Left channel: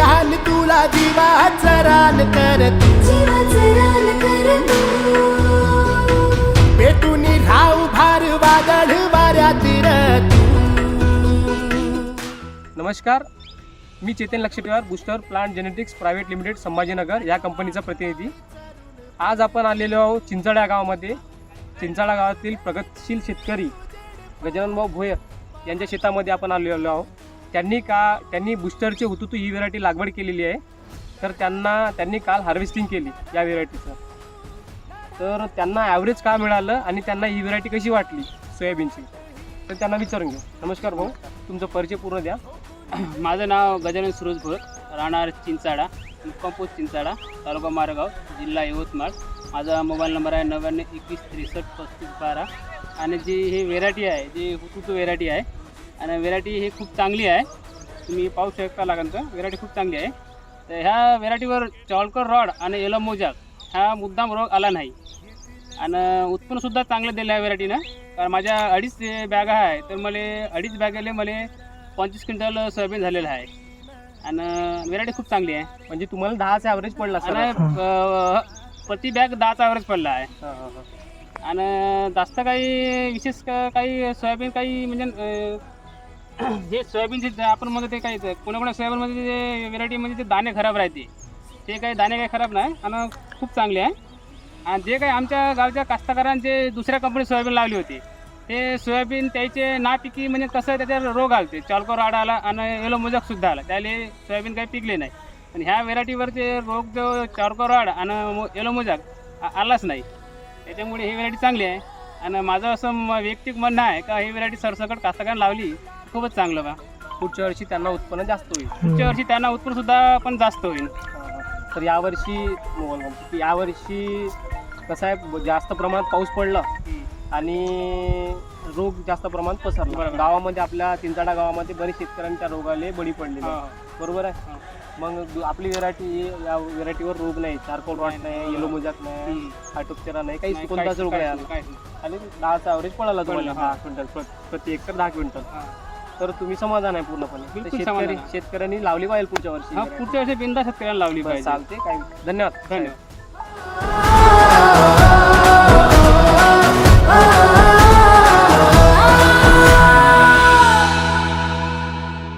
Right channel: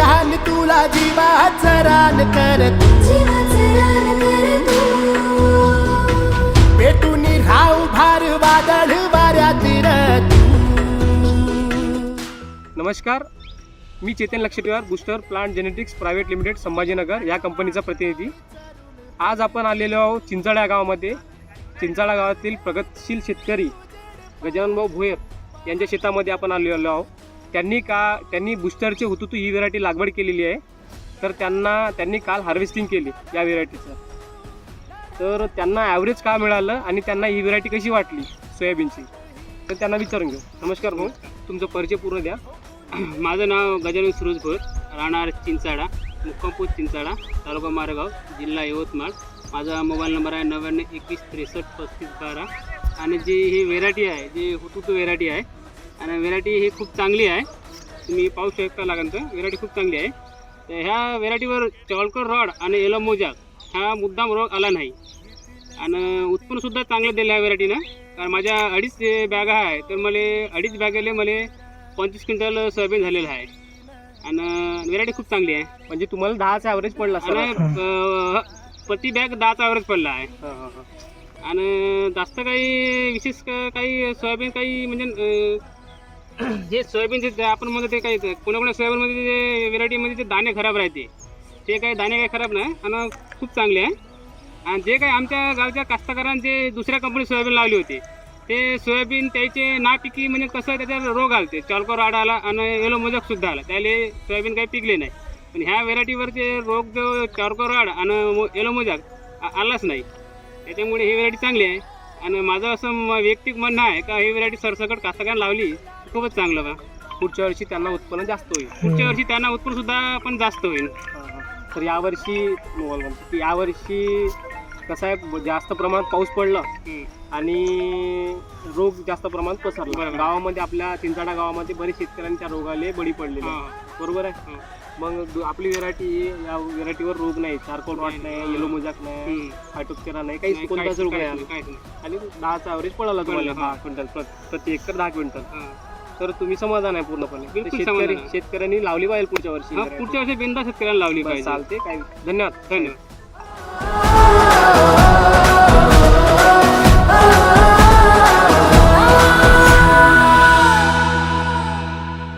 आण तुला जीवाचं रान कर तू, पेटून राहू भार वादळ वाऱ्यात तू. नमस्कार, मी Chetan Lakshtiwar, Booster Plant Genetics Private Limited Sambhajinagar या कंपनीचा प्रतिनिधी. आज आपण आलेलो आहोत चिंचाळा गावामध्ये. चिंचाळा गावातील प्रगतशील शेतकरी गजानन भाऊ भोयर यांच्या शेतामध्ये आपण आलेलो आहोत. त्यांनी बूस्टरचे हुतुतू ही व्हेरायटी लागवड केलेली आहे. तर त्यांनी काल हार्वेस्टिंग केली या व्हेरायटीचं. तर त्यांना ॲव्हरेज का मिळालं आणि त्यांना ही व्हेरायटी कशी वाटली सोयाबीनची, तर त्यांना विचारून घेऊ. नमस्कार भाऊ, तुमचा परिचय पूर्ण द्या. माझं नाव गजानन सुरेश भोयर, राहणार चिंचाळा, मुक्काम पोस्ट चिंचाळा, तालुका मारेगाव, जिल्हा यवतमाळ. माझा मोबाईल नंबर आहे 9921633512. आणि जी ही व्हेरायटी आहे, जी हुतुतू व्हेरायटी आहे, आणि व्हेरायटी ही खूप चांगली आहे. तुम्ही पाहू शकता लागेल तर व्हेरायटी खूप चांगली आहे. तर ह्या व्हेरायटीवर चॉलकर रॉड आणि येलो मोजाक हा मुद्दाम रोग आला नाही. आणि उत्पन्नसुद्धा चांगलं दिलं आहे व्हेरायटीनं. कारण माझ्या 2.5 बॅग आहे, तर मला 2.5 बॅगेले मला 25 क्विंटल सोयाबीन झालेलं आहे. आणि व्हेरायटी खूप चांगली आहे. म्हणजे तुम्हाला 10चा ॲव्हरेज पडला आणि प्रति बॅग 10चा ॲव्हरेज पडला आहे. आणि जास्त काही विशेष काही सोयाबीन काही म्हणजे जे सोयाबीनचे आपण म्हणतो ते काही कोणा सोयाबीनमध्ये जे व्हेरायटीमध्ये ते दाणे खराब राहते, ते काही दाणे काही खराब नाही आणि खूप चांगले आहे. आणि जे काही आमच्या गावच्या कास्तकारांचे दुसऱ्या कंपनी सोयाबीन लावली होती, ते सोयाबीन त्याचे नापिकी म्हणजे कसं त्याच्यावर रोग आले, चॉलको रॉड आला आणि येलो मोजाकसुद्धा आला, त्याले सोयाबीन काही पिकले नाही. पण ह्या व्हेरायटीवरचे रोग जो चॉलको रॉड आणि येलो मोजाक आलाच नाही. त्याच्यामुळे ही व्हेरायटी चांगली आहे. आणि माझं असं वैयक्तिक म्हणणं आहे का ही व्हेरायटी सरसकट कास्तकारांना लावली खूपच चांगलं बा. पुढच्या वर्षी त्यांना उत्पन्न जास्त होईल. पुढच्या वर्षी त्यांना उत्पन्नसुद्धा पण जास्त होईल. तर यावर्षी कसं आहे, जास्त प्रमाणात पाऊस पडला आणि रोग जास्त प्रमाणात पसरला. गावामध्ये आपल्या चिंचाळा गावामध्ये बरेच शेतकऱ्यांच्या रोगाले बळी पडलेले, बरोबर आहे. मग आपली व्हेरायटी, या व्हेरायटीवर रोग नाही, चारकोल रॉट नाही, येलो मोजाक नाही, फायटोप्टेरा नाही, काही कोणताच रोग नाही. आणि 10चा ॲव्हरेज पडाला तुम्हाला 10 क्विंटल प्रति एकर 10 क्विंटल. तर तुम्ही समाधान आहे पूर्णपणे. शेतकऱ्यांनी लावली पाहिजे पुढच्या वर्षी. पुढच्या वर्षी बिनधास्त शेतकऱ्यांना लावली पाहिजे. चालते. काय धन्यवाद. धन्यवाद. Oh